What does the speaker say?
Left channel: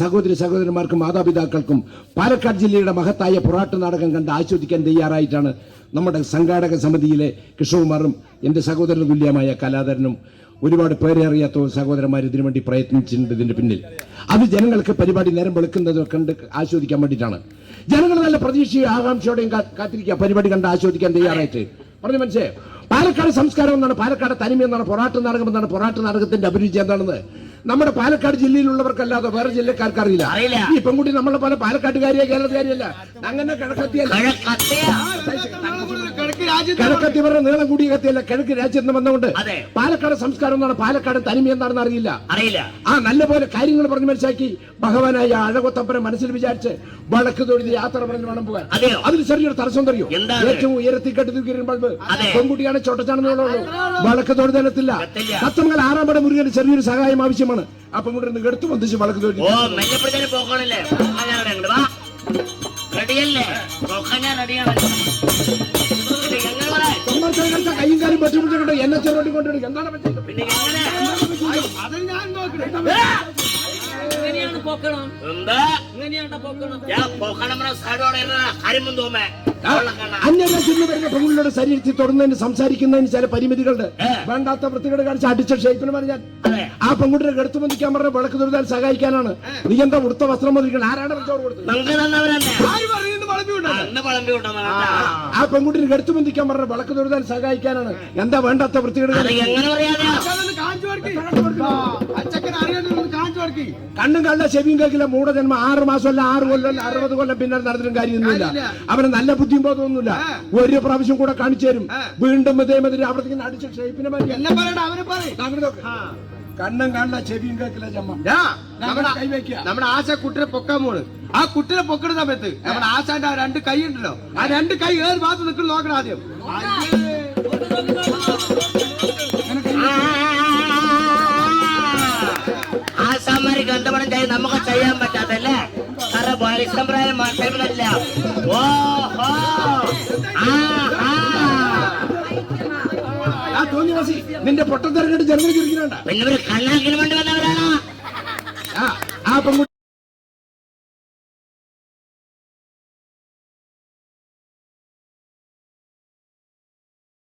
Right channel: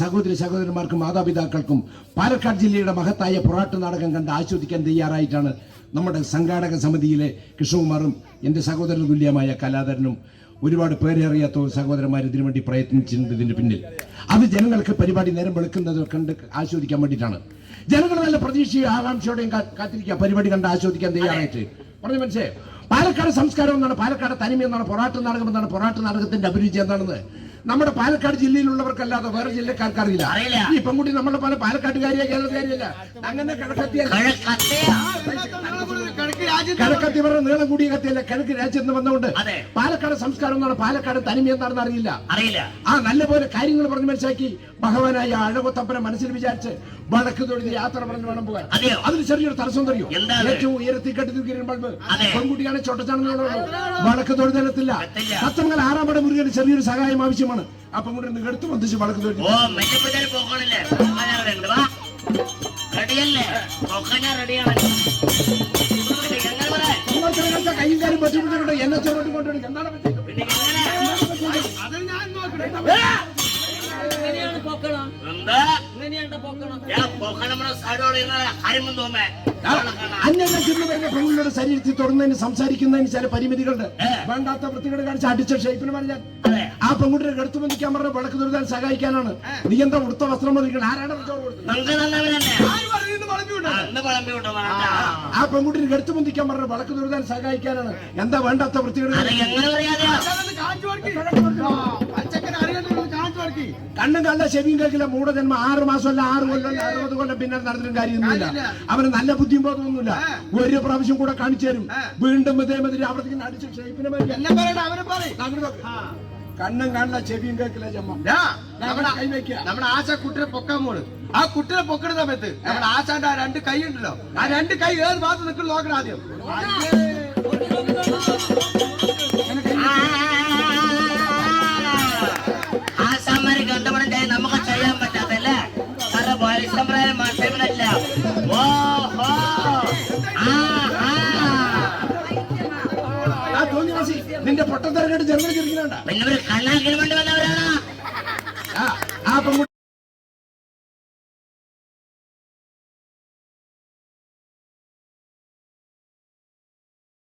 സഹോദരി സഹോദരന്മാർക്കും മാതാപിതാക്കൾക്കും പാലക്കാട് ജില്ലയുടെ മഹത്തായ പൊറാട്ട് നാടകം കണ്ട് ആസ്വദിക്കാൻ തയ്യാറായിട്ടാണ് നമ്മുടെ സംഘാടക സമിതിയിലെ കൃഷ്ണകുമാറും എന്റെ സഹോദരന് തുല്യമായ കലാധരനും ഒരുപാട് പേരറിയാത്ത സഹോദരന്മാർ ഇതിനു വേണ്ടി പ്രയത്നിച്ചിട്ടുണ്ട്. ഇതിന്റെ പിന്നിൽ അത് ജനങ്ങൾക്ക് പരിപാടി നേരം വെളുക്കുന്നത് കണ്ട് ആസ്വദിക്കാൻ വേണ്ടിയിട്ടാണ്. ജനങ്ങൾ നല്ല പ്രതീക്ഷയും ആകാംക്ഷയോടെയും കാത്തിരിക്കുക പരിപാടി കണ്ട് ആസ്വദിക്കാൻ തയ്യാറായിട്ട്. പറഞ്ഞു മനസ്സിലായോ? പാലക്കാട് സംസ്കാരം എന്നാണ്, പാലക്കാട് തനിമ എന്നാണ്, പൊറാട്ട് നാടകം എന്നാണ്. പൊറാട്ട് നാടകത്തിന്റെ അഭിരുചി എന്താണെന്ന് നമ്മുടെ പാലക്കാട് ജില്ലയിലുള്ളവർക്കല്ലാതെ വേറെ ജില്ലക്കാർക്ക് അറിയില്ല. ഈ പെൺകുട്ടി നമ്മളെ പോലെ പാലക്കാട്ടുകാരിയോ കേരളക്കാരിയല്ല, അങ്ങനെ കിഴക്കത്തിയല്ല, കിഴക്കത്തി പറഞ്ഞ നീളം കൂടിയ കത്തിയല്ല, കിഴക്ക് രാജ്യത്ത് നിന്ന് വന്നുകൊണ്ട് പാലക്കാട് സംസ്കാരം എന്നാണ്, പാലക്കാട് തനിമ എന്താണെന്ന് അറിയില്ല. നല്ലപോലെ കാര്യങ്ങൾ പറഞ്ഞ് മനസ്സിലാക്കി ഭഗവാനായ അഴകൊത്തപ്പനെ മനസ്സിൽ വിചാരിച്ച് വടക്ക് തൊഴുതി യാത്ര പറഞ്ഞ് വേണം പോകാൻ. അതിന് ചെറിയൊരു തടസ്സം തറിയോ? ഏറ്റവും ഉയരത്തിൽ കെട്ടിത്തൂക്കിയ ബൾബ് പെൺകുട്ടിയാണ്, ചൊട്ടച്ചാണെന്നുള്ളൂ, വടക്ക് തൊഴുതനത്തില്ല. സത്യമംഗൽ 6-ാം പട മുരുകന് ചെറിയൊരു സഹായം ആവശ്യമാണ്. അപ്പൊ കൊണ്ട് എടുത്തു വന്നിച്ച് വടക്ക് തൊഴുതി കയ്യും കാര്യം പറ്റിട്ടുണ്ട്. എന്നെ ചെറുതി കൊണ്ടുവരും. എന്താണ് പറ്റിയത്? പെണ്ണുങ്ങളുടെ ശരീരത്തിൽ തൊടുന്നതിന് സംസാരിക്കുന്നതിന് ചില പരിമിതികളുണ്ട്. വേണ്ടാത്ത വൃത്തികേട് കാണിച്ച് അടിച്ച ഷേപ്പിന് പറഞ്ഞാൽ ആ പെൺകുട്ടിയെ എടുത്തു ബന്ധിക്കാൻ പറഞ്ഞ വിളക്ക് തൊഴുതാൻ സഹായിക്കാനാണ്. നീ എന്താ ഉടുത്ത വസ്ത്രം മതിക്കണം? ആരാണ് ചോറ് കൊടുത്തത്? ആ പെൺകുട്ടിയെ എടുത്തു ബന്ധിക്കാൻ പറഞ്ഞ വിളക്ക് തൊഴുതാൻ സഹായിക്കാനാണ്. എന്താ വേണ്ടാത്ത വൃത്തികേട്? കണ്ണും കണ്ട ചെവിയും കേൾക്കില്ല. മൂഢജന്മ 6 മാസമല്ല 6 കൊല്ലം 60 കൊല്ലം പിന്നെ നടന്നിട്ടും കാര്യമൊന്നുമില്ല. അവന് നല്ല ബുദ്ധിയും ബോധമൊന്നുമില്ല. ഒരു പ്രാവശ്യം കൂടെ കാണിച്ചു തരും. വീണ്ടും ഇതേമാതിരി അവിടെ അടിച്ച ഷേപ്പിനെ കണ്ണും കാണില്ല ചെവിയും കേൾക്കില്ല. നമ്മുടെ ആശ കുട്ടിനെ പൊക്കാൻ പോണ്. ആ കുട്ടിനെ പൊക്കുന്ന സമയത്ത് നമ്മുടെ ആശാന്റെ 2 കൈ ഉണ്ടല്ലോ, ആ 2 കൈ ഏത് ഭാഗത്ത് നിൽക്കുന്നു നോക്കണം ആദ്യം. നമുക്ക് ചെയ്യാൻ പറ്റാത്തല്ലേ? പരിസംപ്രായം മാറ്റമില്ല. നിന്റെ പൊട്ടത്തിറങ്ങിട്ട് ജനങ്ങൾ ചിരിക്കുന്നുണ്ട്. പിന്നെ ഒരു കണ്ണാക്കിന് വേണ്ടി